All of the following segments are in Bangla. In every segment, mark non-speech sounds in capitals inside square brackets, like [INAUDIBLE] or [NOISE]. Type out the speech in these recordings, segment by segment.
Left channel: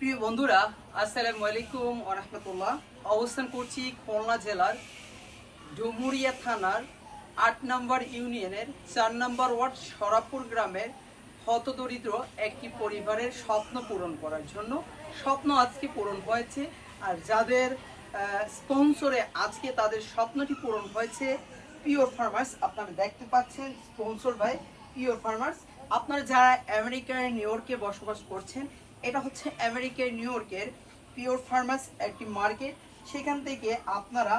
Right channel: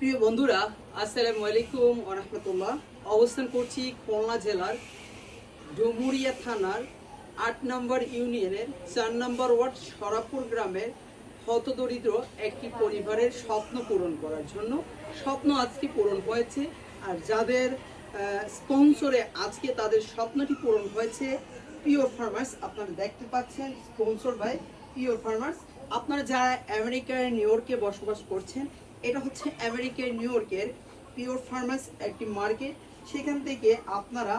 প্রিয় বন্ধুরা, আসসালামু আলাইকুম রহমতুল্লাহ। অবস্থান করছি খুলনা জেলার ডুমুরিয়া থানার আট নম্বর ইউনিয়নের চার নম্বর ওয়ার্ড সরাপুর গ্রামের হতদরিদ্র একটি পরিবারের স্বপ্ন পূরণ করার জন্য। স্বপ্ন আজকে পূরণ হয়েছে আর যাদের স্পন্সরে আজকে তাদের স্বপ্নটি পূরণ হয়েছে, পিওর ফার্মার্স আপনারা দেখতে পাচ্ছেন, স্পন্সর ভাই পিওর ফার্মার্স। আপনারা যারা আমেরিকার নিউ ইয়র্কে বসবাস করছেন এটা হচ্ছে আমেরিকার নিউ ইয়র্কের পিওর ফার্মাস একটি মার্কেট। সেখান থেকে আপনারা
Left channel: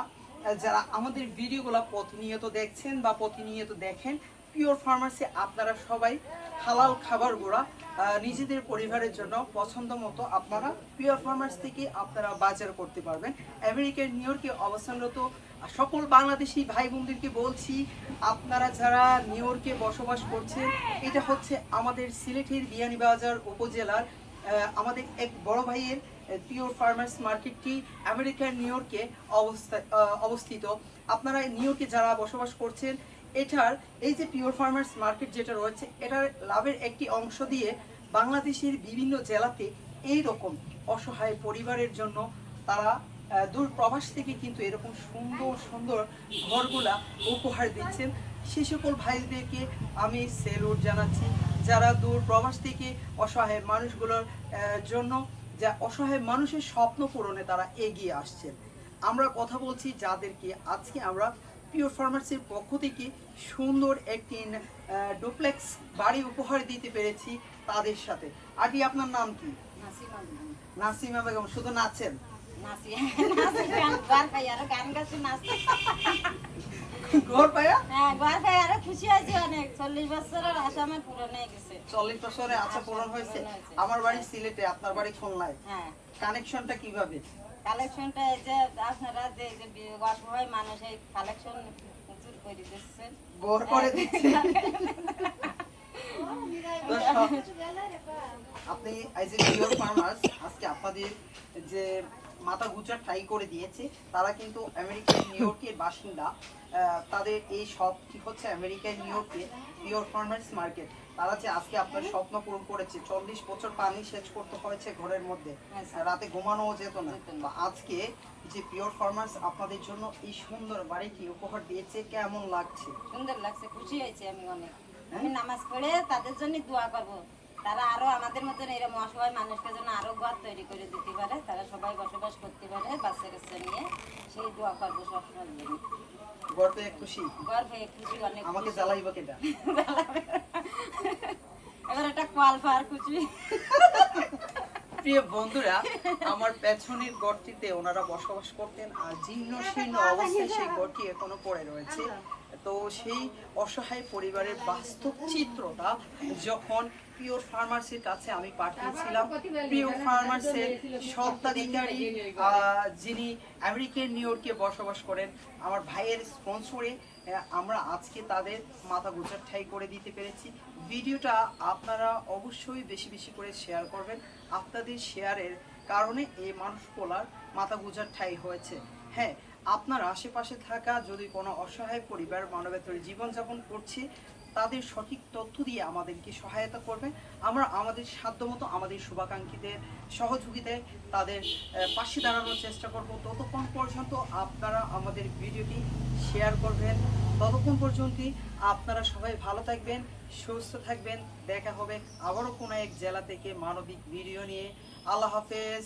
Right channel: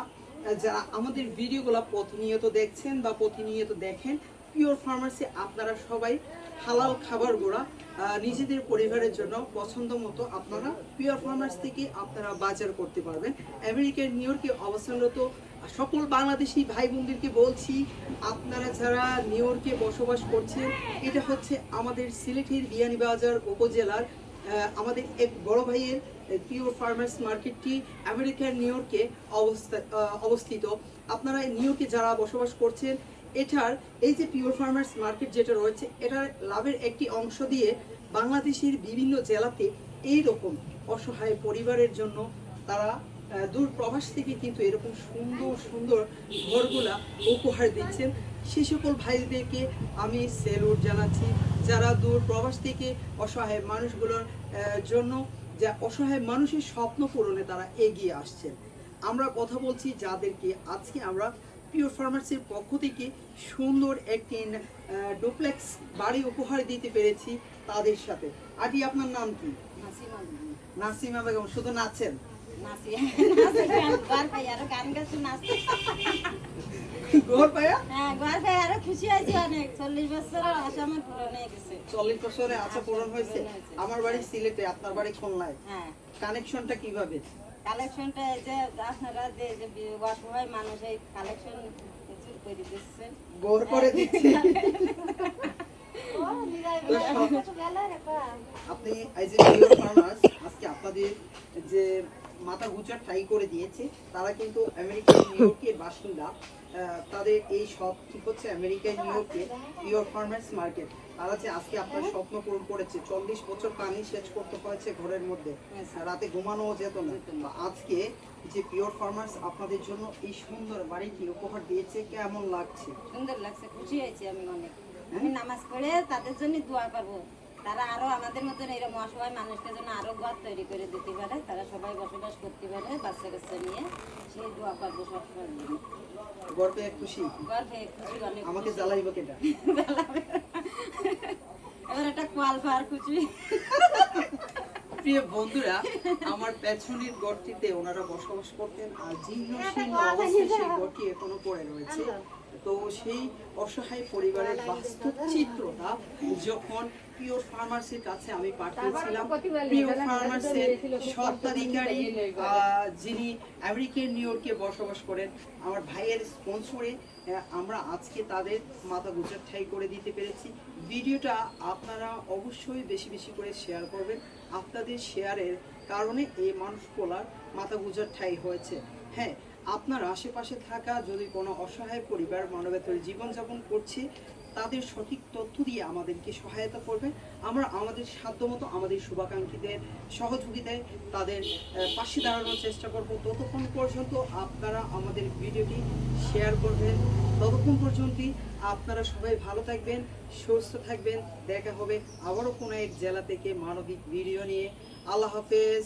যারা আমাদের ভিডিওগুলো প্রতিনিয়ত দেখছেন বা প্রতিনিয়ত দেখেন পিওর ফার্মাসি আপনারা সবাই হালাল খাবারগুলো আহ, নিজেদের পরিবারের জন্য পছন্দ মতো আপনারা পিওর ফার্মার্স থেকে আপনারা বাজার করতে পারবেন। আমেরিকার নিউ ইয়র্কে অবস্থানরত সকল বাংলাদেশি ভাই বোনদেরকে বলছি আপনারা যারা নিউ ইয়র্কে বসবাস করছেন এটা হচ্ছে আমাদের সিলেটের বিয়ানীবাজার উপজেলার আমাদের এক বড় ভাইয়ের পিওর ফার্মার্স মার্কেটটি আমেরিকার নিউ ইয়র্কে অবস্থা অবস্থিত। আপনারা নিউ ইয়র্কে যারা বসবাস করছেন, এটার, এই যে পিওর ফার্মার্স মার্কেট যেটা রয়েছে, এটার লাভের একটি অংশ দিয়ে বাংলাদেশের বিভিন্ন জেলাতে এই রকম অসহায় পরিবারের জন্য তারা দূর প্রবাস থেকে কিন্তু এরকম সুন্দর সুন্দর ঘরগুলা উপহার দিচ্ছেন। সে সকল ভাইদেরকে আমি সেলুট জানাচ্ছি যারা দূর প্রবাস থেকে অসহায় মানুষগুলোর জন্য যা অসহায় মানুষের স্বপ্ন পূরণে তারা এগিয়ে আসছেন আমরা কথা বলছি যাদেরকে আজকে আমরা পিওর ফার্মাসির পক্ষ থেকে সুন্দর একটি ডুপ্লেক্স বাড়ি উপহার দিতে পেরেছি তাদের সাথে আদি আপনার নাম কি নাসিমা বেগম শুধু নাচেন গান গাছি নাচতে ঘর পায়া? হ্যাঁ পাই আরও খুশি হয়েছি অনেক। চল্লিশ বছরের আসামের পূরণ হয়ে গেছে। চল্লিশ বছরে আছে পূরণ হয়েছে? আমার বাড়ি সিলেটে আপনার বাড়ি খুলনায় হ্যাঁ। কানেকশনটা কীভাবে? কালেকশনটা এই যে আপনারা যে যে অসহায় মানুষ এই কালেকশন প্রচুর করে দিচ্ছেন গোর করে দিচ্ছে? [LAUGHS] তো সব- আপনি পিওর ফার্মার্স আজকে আপনাদের যে মাথা গুচার ট্রাই করে দিয়েছে। তারা কিন্তু আমেরিকার নিউ ইয়র্কের বাসিন্দা। তাদের এই শপটি হচ্ছে আমেরিকার নিউ ইয়র্কে পিওর ফার্মার্স মার্কেট তারা যে আজকে আপনার স্বপ্ন পূরণ করেছে চল্লিশ বছর পানি সেচ করতে হয়েছে ঘরের মধ্যে। হ্যাঁ, রাতে ঘুমানোও যেত না। আজকে যে পিওর ফার্মার্স আপনাদের জন্য এই সুন্দর বাড়িটি উপহার দিয়েছে কেমন লাগছে? সুন্দর লাগছে খুশি হয়েছি আমি অনেক। আমি নামাজ পড়ে তাদের জন্য দোয়া করব। তারা আরও আমাদের মতন এরকম অসহায় মানুষকে যেন আরও ঘর তৈরি করে দিতে পারে। তারা সবাই বসবাস করতে পারে বাচ্চা কাচ্চা নিয়ে। সেই দোয়া করব সবসময়। জন্য গর্বে খুশি? পেয়ে খুশি অনেক আমাকে জ্বালাইব কেটা? এবার একটা কোয়াল পার খুশি প্রিয় বন্ধুরা আমার পেছনের গড়টিতে ওনারা বসবাস করতেন। আর জীর্ণ শীর্ণ অবস্থায় সেই গড়টি এখনও পড়ে রয়েছে। তো সেই অসহায় পরিবারের বাস্তব চিত্রটা যখন পিওর ফার্মাসির কাছে আমি পাঠিয়েছিলাম পিওর ফার্মাসের স্বত্বাধিকারী যিনি আমেরিকান নিউ ইয়র্কে বসবাস করেন, আমার ভাইয়ের স্পন্সরে আমরা আজকে তাদের মাথা গোচার ঠাই করে দিতে পেরেছি। ভিডিওটা আপনারা অবশ্যই বেশি বেশি করে শেয়ার করবেন। আপনাদের শেয়ারের কারণে এই মানুষ মানুষগুলার মাথা গুজার ঠাই হয়েছে। হ্যাঁ আপনার আশেপাশে থাকা, যদি কোনো অসহায় পরিবার মানবেতর জীবনযাপন করছে, তাদের সঠিক তথ্য দিয়ে আমাদেরকে সহায়তা করবেন আমরা আমাদের সাধ্যমতো আমাদের শুভাকাঙ্ক্ষীদের সহযোগিতায় তাদের পাশে দাঁড়ানোর চেষ্টা করব। ততক্ষণ পর্যন্ত আপনারা আমাদের ভিডিওটি শেয়ার করবেন। ততক্ষণ পর্যন্তই আপনারা সবাই ভালো থাকবেন, সুস্থ থাকবেন। দেখা হবে আবারও কোনো এক জেলা থেকে মানবিক ভিডিও নিয়ে। আল্লাহ হাফেজ।